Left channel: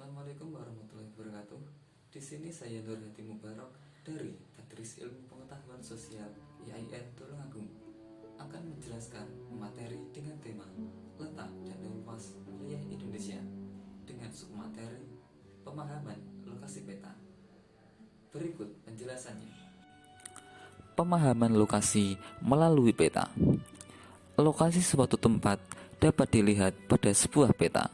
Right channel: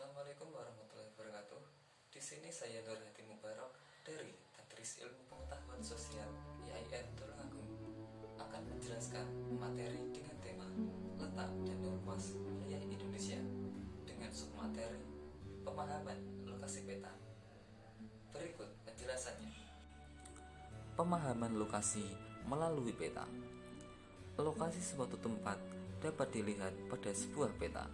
Assalamualaikum warahmatullahi wabarakatuh. Di sini saya Nur Hadi Mubarak dari Tadris Ilmu Pengetahuan Sosial IAIN Tulungagung akan menjelaskan materi dengan tema letak dan luas wilayah Indonesia dengan submateri pemahaman lokasi peta. Berikut penjelasannya. Pemahaman lokasi melalui peta. Lokasi suatu tempat dapat dilihat pada sebuah peta.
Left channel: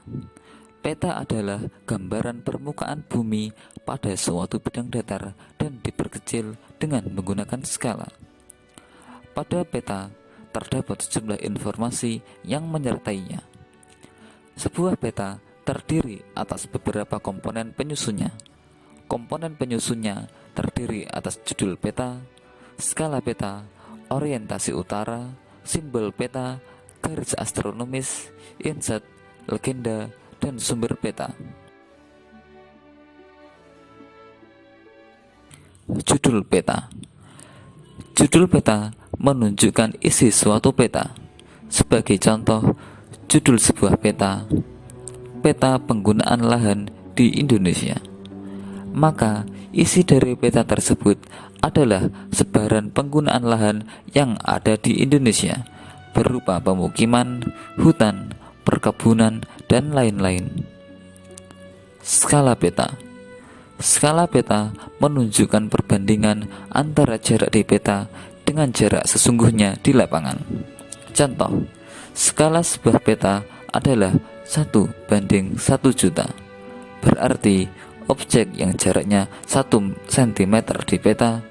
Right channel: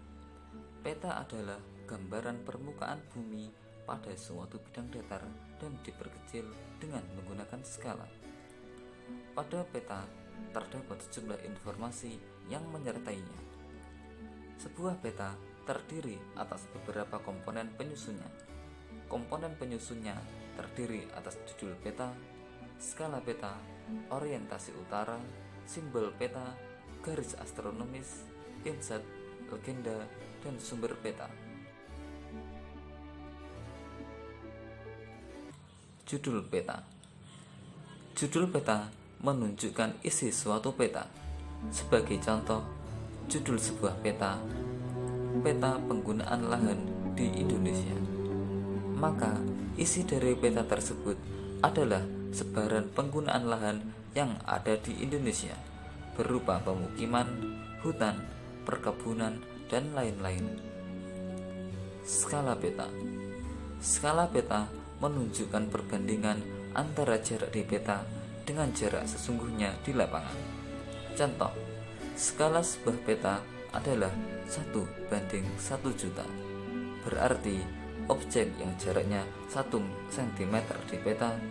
Peta adalah gambaran permukaan bumi pada suatu bidang datar dan diperkecil dengan menggunakan skala. Pada peta terdapat sejumlah informasi yang menyertainya. Sebuah peta terdiri atas beberapa komponen penyusunnya. Komponen penyusunnya terdiri atas judul peta, skala peta, orientasi utara, simbol peta, garis astronomis, inset, legenda, dan sumber peta. Judul peta. Judul peta menunjukkan isi suatu peta. Sebagai contoh, judul sebuah peta, peta penggunaan lahan di Indonesia. Maka, isi dari peta tersebut adalah sebaran penggunaan lahan yang ada di Indonesia, berupa pemukiman, hutan, perkebunan, dan lain-lain. Skala peta. Skala peta menunjukkan perbandingan antara jarak di peta dengan jarak sesungguhnya di lapangan. Contoh, skala sebuah peta adalah 1:1 juta. Berarti objek yang jaraknya 1 cm di peta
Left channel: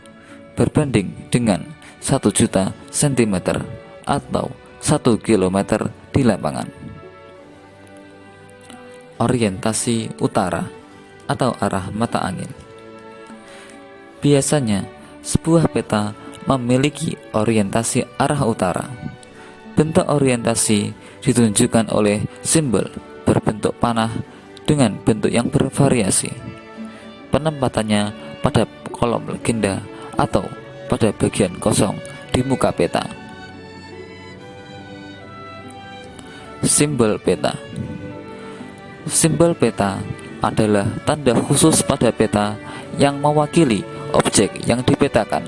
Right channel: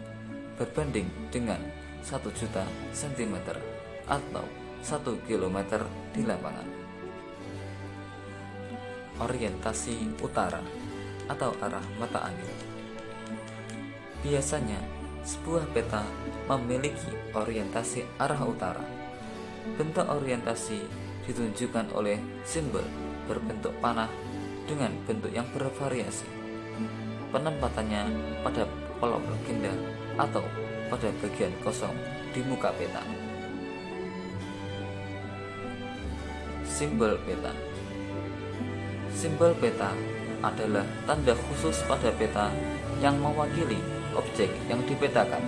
berbanding dengan 1 juta cm atau 1 km di lapangan. Orientasi utara atau arah mata angin. Biasanya sebuah peta memiliki orientasi arah utara. Bentuk orientasi ditunjukkan oleh simbol berbentuk panah dengan bentuk yang bervariasi. Penempatannya pada kolom legenda atau pada bagian kosong di muka peta. Simbol peta. Simbol peta adalah tanda khusus pada peta yang mewakili objek yang dipetakan.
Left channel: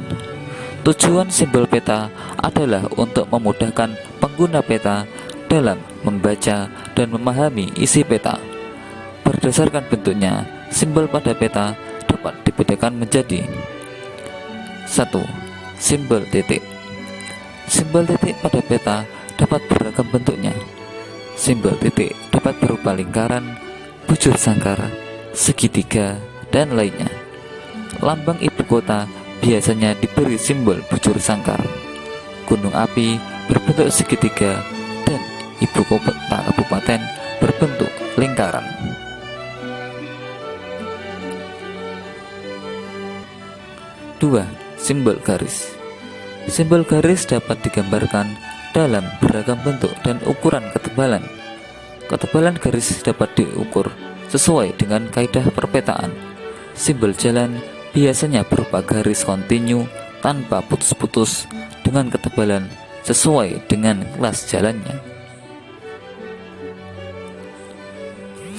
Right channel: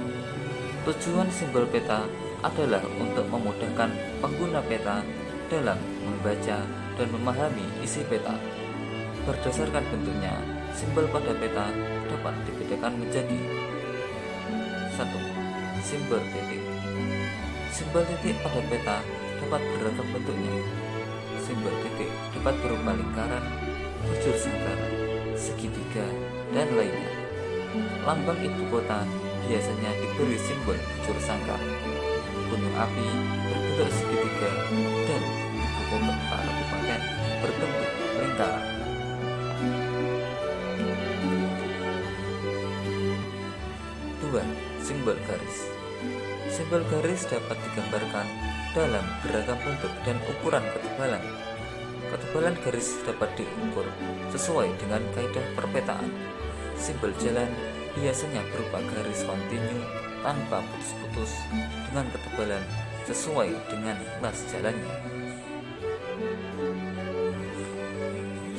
Tujuan simbol peta adalah untuk memudahkan pengguna peta dalam membaca dan memahami isi peta. Berdasarkan bentuknya, simbol pada peta dapat dibedakan menjadi 1. Simbol titik. Simbol titik pada peta dapat beragam bentuknya. Simbol titik dapat berupa lingkaran, bujur sangkar, segitiga, dan lainnya. Lambang ibu kota biasanya diberi simbol bujur sangkar. Gunung api berbentuk segitiga dan ibu kota kabupaten berbentuk lingkaran. 2. Simbol garis. Simbol garis dapat digambarkan dalam beragam bentuk dan ukuran ketebalan. Ketebalan garis dapat diukur sesuai dengan kaidah perpetaan. Simbol jalan biasanya berupa garis kontinu tanpa putus-putus dengan ketebalan sesuai dengan kelas jalannya.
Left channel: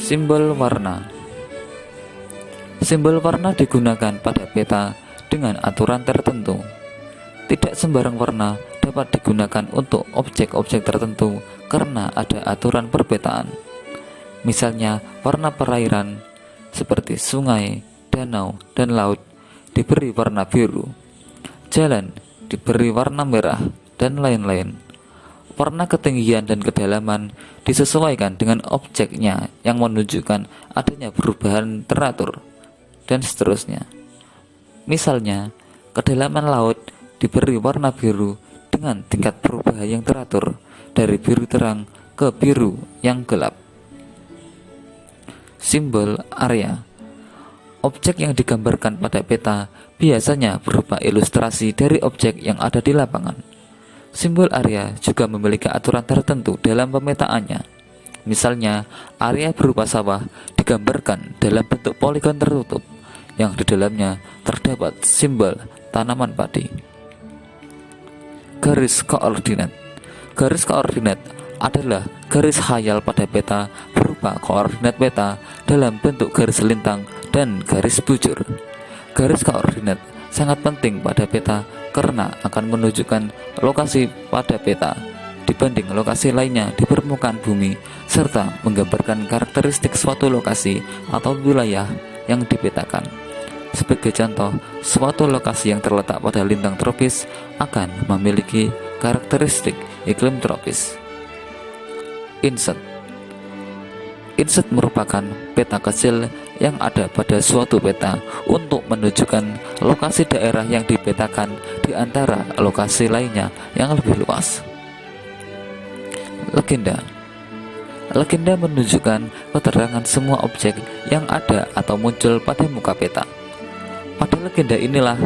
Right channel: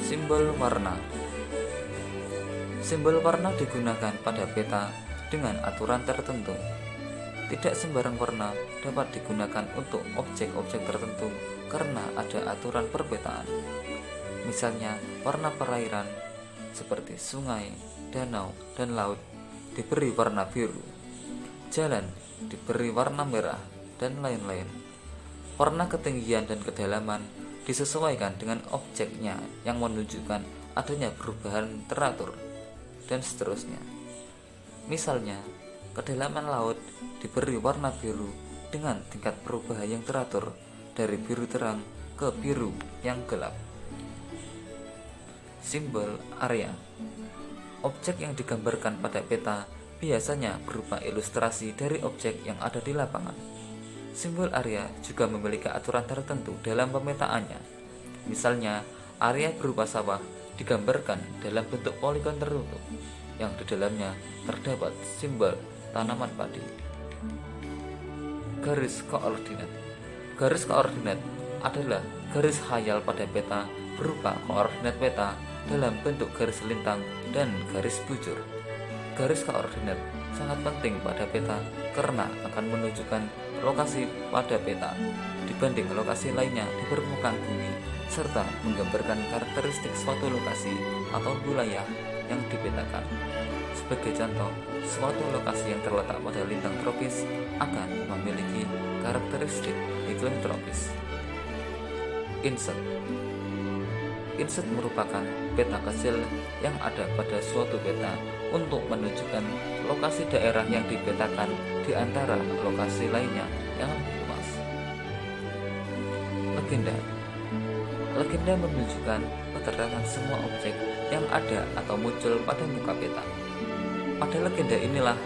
Simbol warna. Simbol warna digunakan pada peta dengan aturan tertentu. Tidak sembarang warna dapat digunakan untuk objek-objek tertentu karena ada aturan perpetaan. Misalnya, warna perairan seperti sungai, danau, dan laut diberi warna biru. Jalan diberi warna merah, dan lain-lain. Warna ketinggian dan kedalaman disesuaikan dengan objeknya yang menunjukkan adanya perubahan teratur, dan seterusnya. Misalnya, kedalaman laut diberi warna biru dengan tingkat perubahan yang teratur dari biru terang ke biru yang gelap. Simbol area. Objek yang digambarkan pada peta biasanya berupa ilustrasi dari objek yang ada di lapangan. Simbol area juga memiliki aturan tertentu dalam pemetaannya. Misalnya, area berupa sawah digambarkan dalam bentuk poligon tertutup yang di dalamnya terdapat simbol tanaman padi. Garis koordinat. Garis koordinat adalah garis khayal pada peta berupa koordinat peta dalam bentuk garis lintang dan garis bujur. Garis koordinat sangat penting pada peta karena akan menunjukkan lokasi pada peta dibanding lokasi lainnya di permukaan bumi, serta menggambarkan karakteristik suatu lokasi atau wilayah yang dipetakan. Sebagai contoh, suatu lokasi yang terletak pada lintang tropis akan memiliki karakteristik iklim tropis. Inset merupakan peta kecil yang ada pada suatu peta untuk menunjukkan lokasi daerah yang dipetakan di antara lokasi lainnya yang lebih luas. Legenda menunjukkan keterangan semua objek yang ada atau muncul pada muka peta. Pada legenda inilah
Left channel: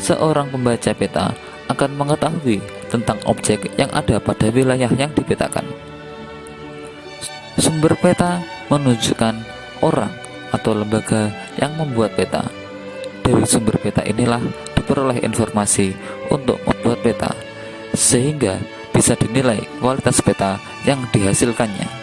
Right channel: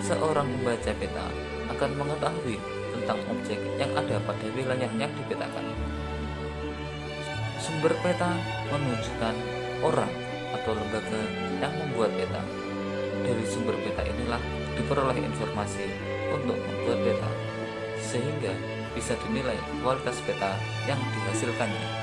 seorang pembaca peta akan mengetahui tentang objek yang ada pada wilayah yang dipetakan. Sumber peta menunjukkan orang atau lembaga yang membuat peta. Dari sumber peta inilah diperoleh informasi untuk membuat peta, sehingga bisa dinilai kualitas peta yang dihasilkannya.